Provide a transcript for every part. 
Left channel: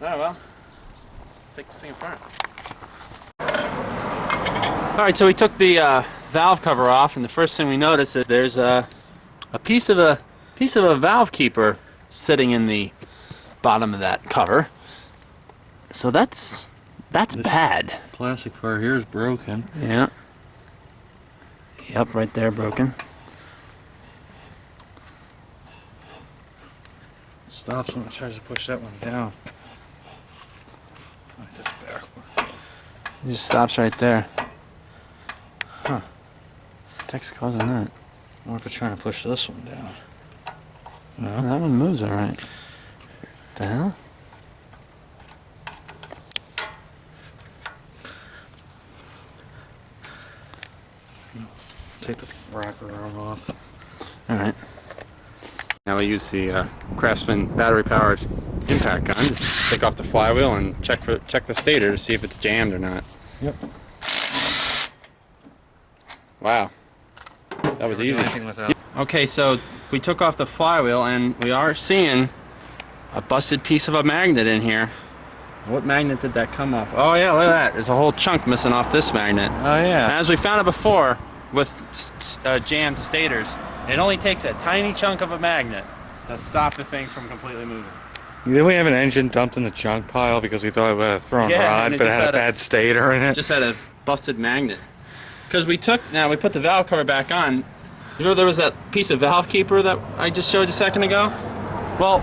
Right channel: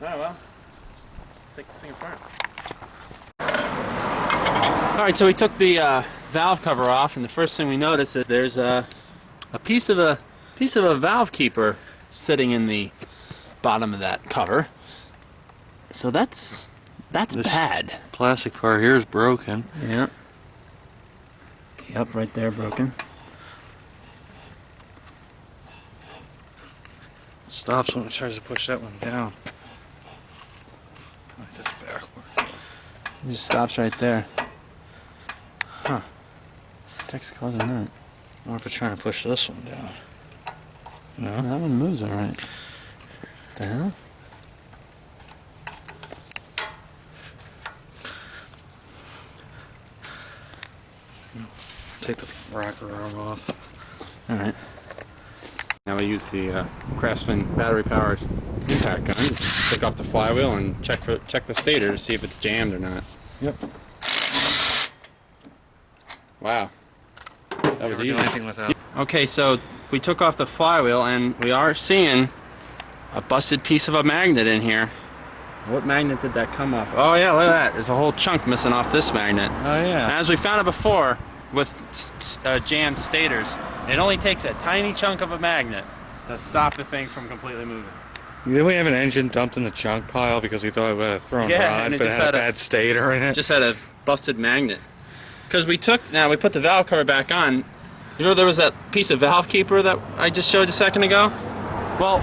Oh well, let's take this thing apart. Alright, so we took the valve cover off, and the first thing we notice is there's a piece of a valve keeper sitting in the bottom of that cover. So that's bad. Plastic part here is broken. Yeah. Yep, right there, broken. Stops when it tries to push that one down. Like this backward. It just stops right there. Huh. What's causing that? I wonder if it's trying to push this one down. No. That one moves alright. What the hell? Take the rocker arm off. Alright. Now we use the Craftsman battery-powered impact gun to take off the flywheel and check the stator to see if it's jammed or not. Yep. Wow. That was easy. Without. Okay, so we took off the flywheel and we are seeing a busted piece of a magnet in here. What magnet did that come off? Oh yeah, look at that. There's a whole chunk missing off this magnet. Oh yeah. As we found it before with jammed stators, it only takes a tiny chunk of a magnet to stop the thing from completely moving. Then we have an engine dumped in the junk pile because we thought we had a thrown rod, but it had a bad stator in it. Just had a busted magnet. Because we put the valve cover back on. You know there was that piece of valve keeper that I just showed you a second ago? Well,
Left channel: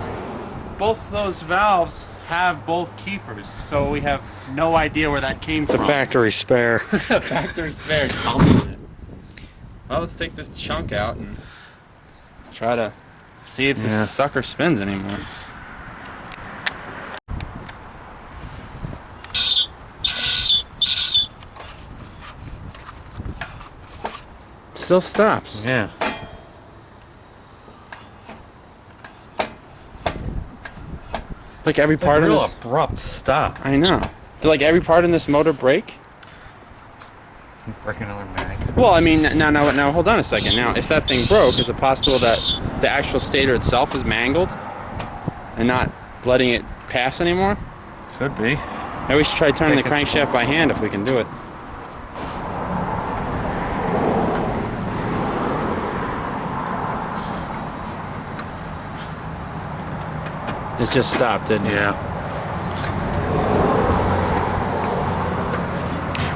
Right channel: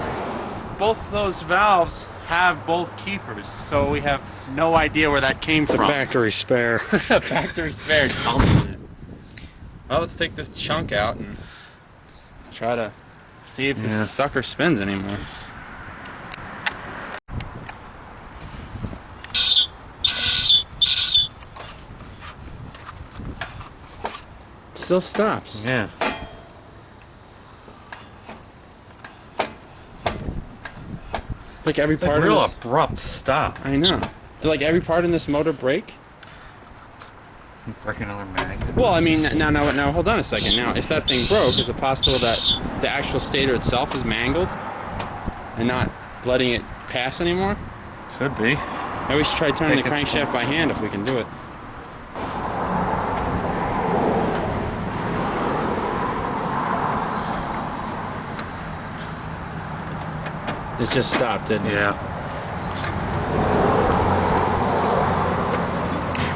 both those valves have both keepers, so we have no idea where that came from. The factory spare. The factory spare dumped in it. Well, let's take this chunk out and try to see if this sucker spins anymore. Still stops. Yeah. Like every part of this abrupt stop. I know. Did like every part in this motor break? Break another magnet. Well, I mean, now hold on a second. Now, if that thing broke, is it possible that the actual stator itself is mangled and not letting it pass anymore? Could be. Maybe we should try turning the crankshaft by hand if we can do it. It just stopped, didn't it? Yeah.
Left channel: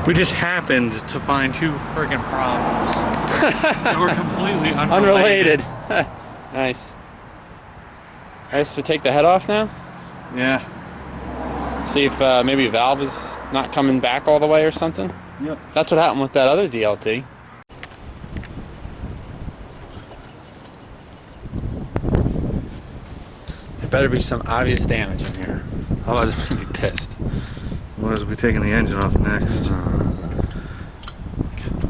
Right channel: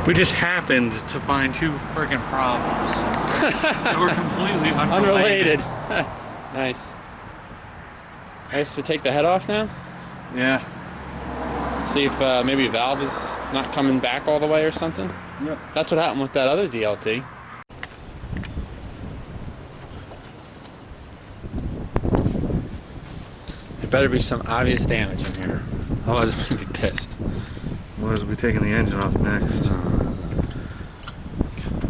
We just happened to find two friggin' problems that were completely unrelated. Nice. I guess we take the head off now? Yeah. See if maybe a valve is not coming back all the way or something? Yep. That's what happened with that other DLT. There better be some obvious damage in here. Otherwise I'm going to be pissed. Otherwise we'll be taking the engine off next.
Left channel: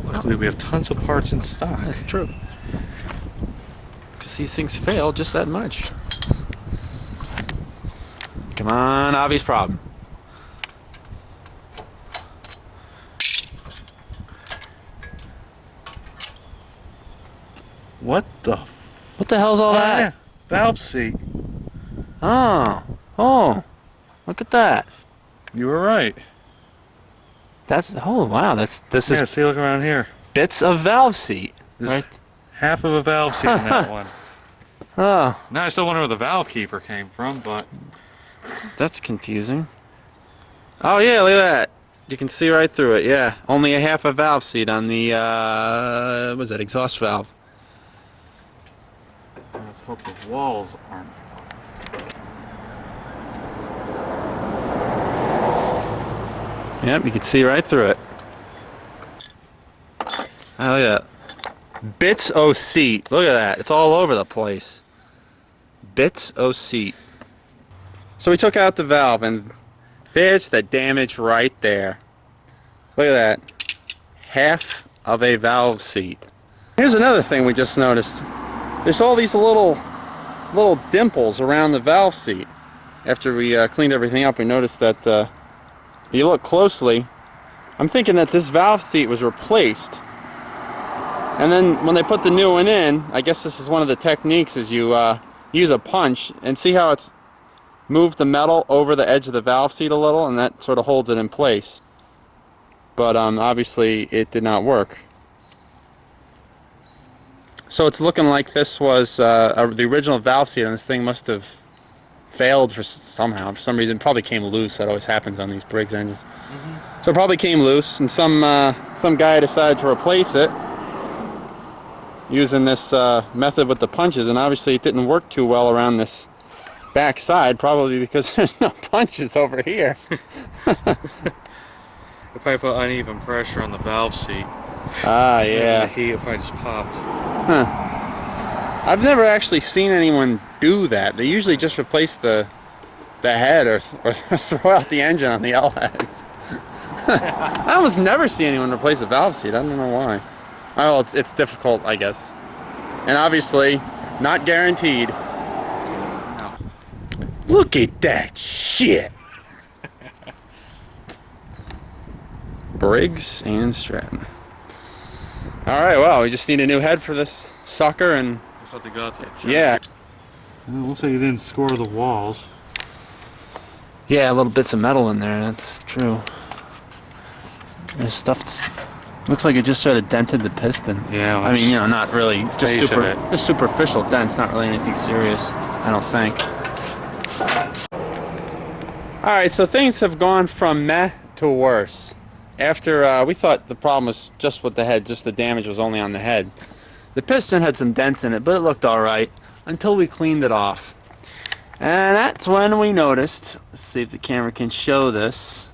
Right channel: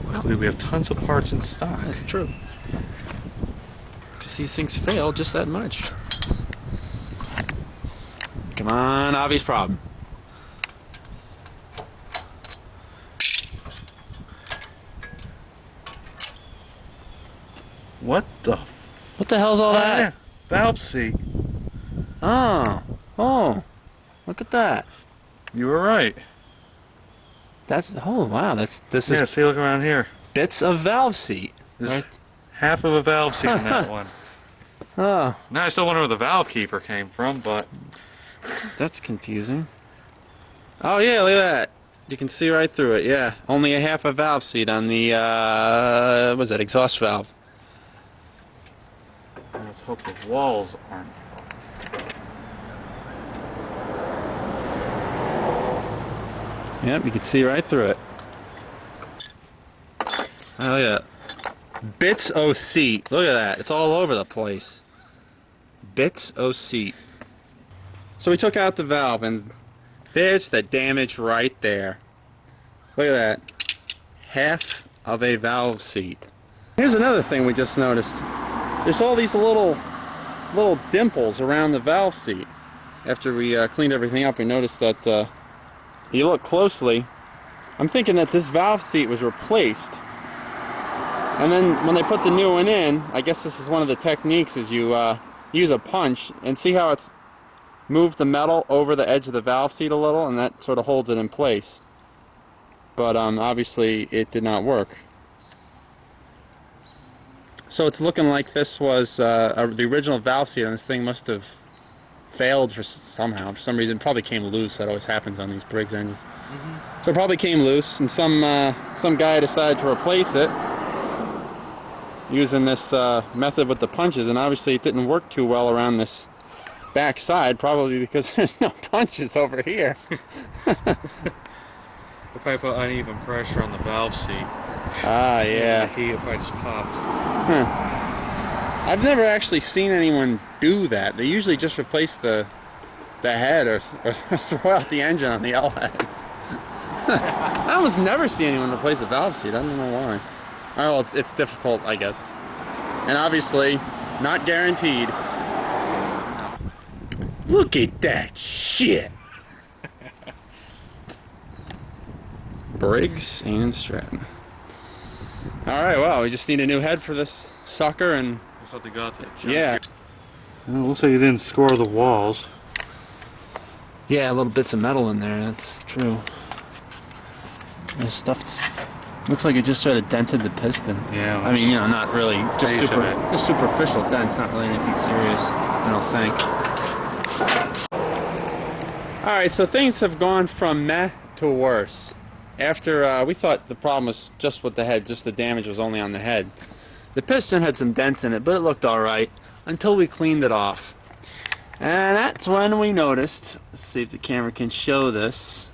Luckily we have tons of parts in stock. That's true. Because these things fail just that much. Come on, obvious problem. What the hell's all that? Yeah. Valve seat. Oh, look at that. You were right. Oh wow, this Yeah, is see, look around here. bits of valve seat. There's Right? half of a valve seat in that one. Oh, Now I still wonder where the valve keeper came from, but that's confusing. Oh yeah, look at that. You can see right through it. Yeah, only a half a valve seat on the what was that, exhaust valve? let's hope the walls aren't. Yep, you can see right through it. Oh yeah. Bits o' seat. Look at that. It's all over the place. Bits o' seat. So we took out the valve and there's the damage right there. Look at that. Half of a valve seat. Here's another thing we just noticed. There's all these little dimples around the valve seat. After we cleaned everything up, we noticed that you look closely, I'm thinking that this valve seat was replaced. And then when they put the new one in, I guess this is one of the techniques, is you use a punch and see how it's moved the metal over the edge of the valve seat a little, and that sort of holds it in place. But obviously it did not work. So it's looking like this was the original valve seat, and this thing must have failed somehow. For some reason, it probably came loose. That always happens on these Briggs engines. So it probably came loose, and some guy decided to replace it using this method with the punches, and obviously it didn't work too well around this back side, probably because there's no punches over here. If I put uneven pressure on the valve seat, ah, yeah. the heat if I just popped. Huh. I've never actually seen anyone do that. They usually just replace the head or throw out the engine on the LS. I almost never see anyone replace a valve seat. I don't know why. Oh, it's difficult, I guess. And obviously, not guaranteed. No. Look at that shit! Briggs and Stratton. Alright, well, we just need a new head for this sucker, and... That's what they got to. Yeah. Well, it looks like you didn't score the walls. Yeah, little bits of metal in there, that's true. This stuff's... Looks like it just sort of dented the piston. Yeah. I mean, you know, not really, just superficial dents, not really anything serious, I don't think. Alright, so things have gone from meh to worse. After we thought the problem was just with the head, just the damage was only on the head. The piston had some dents in it, but it looked alright until we cleaned it off. And that's when we noticed, let's see if the camera can show this,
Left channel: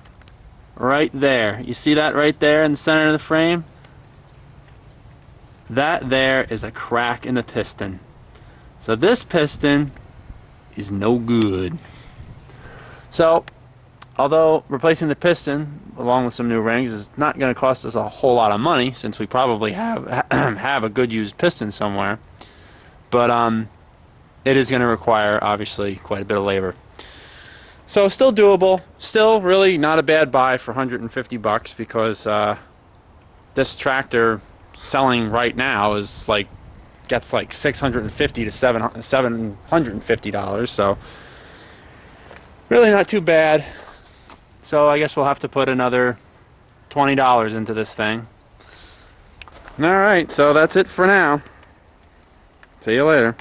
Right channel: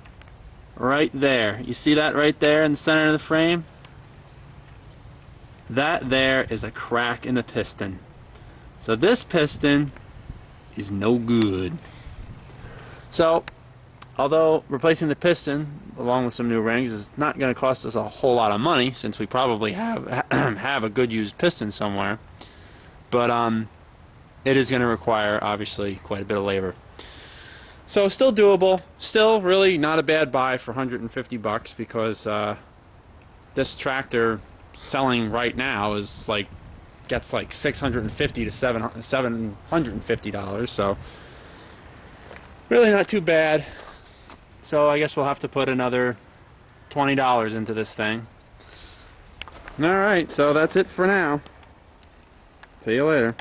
right there. You see that right there in the center of the frame? That there is a crack in the piston. So this piston is no good. So, although replacing the piston along with some new rings is not going to cost us a whole lot of money, since we probably have a good used piston somewhere, but it is going to require obviously quite a bit of labor. So still doable, still really not a bad buy for 150 bucks, because this tractor selling right now is like gets like $650 to $750, so really not too bad. So I guess we'll have to put another $20 into this thing. Alright, so that's it for now. See you later.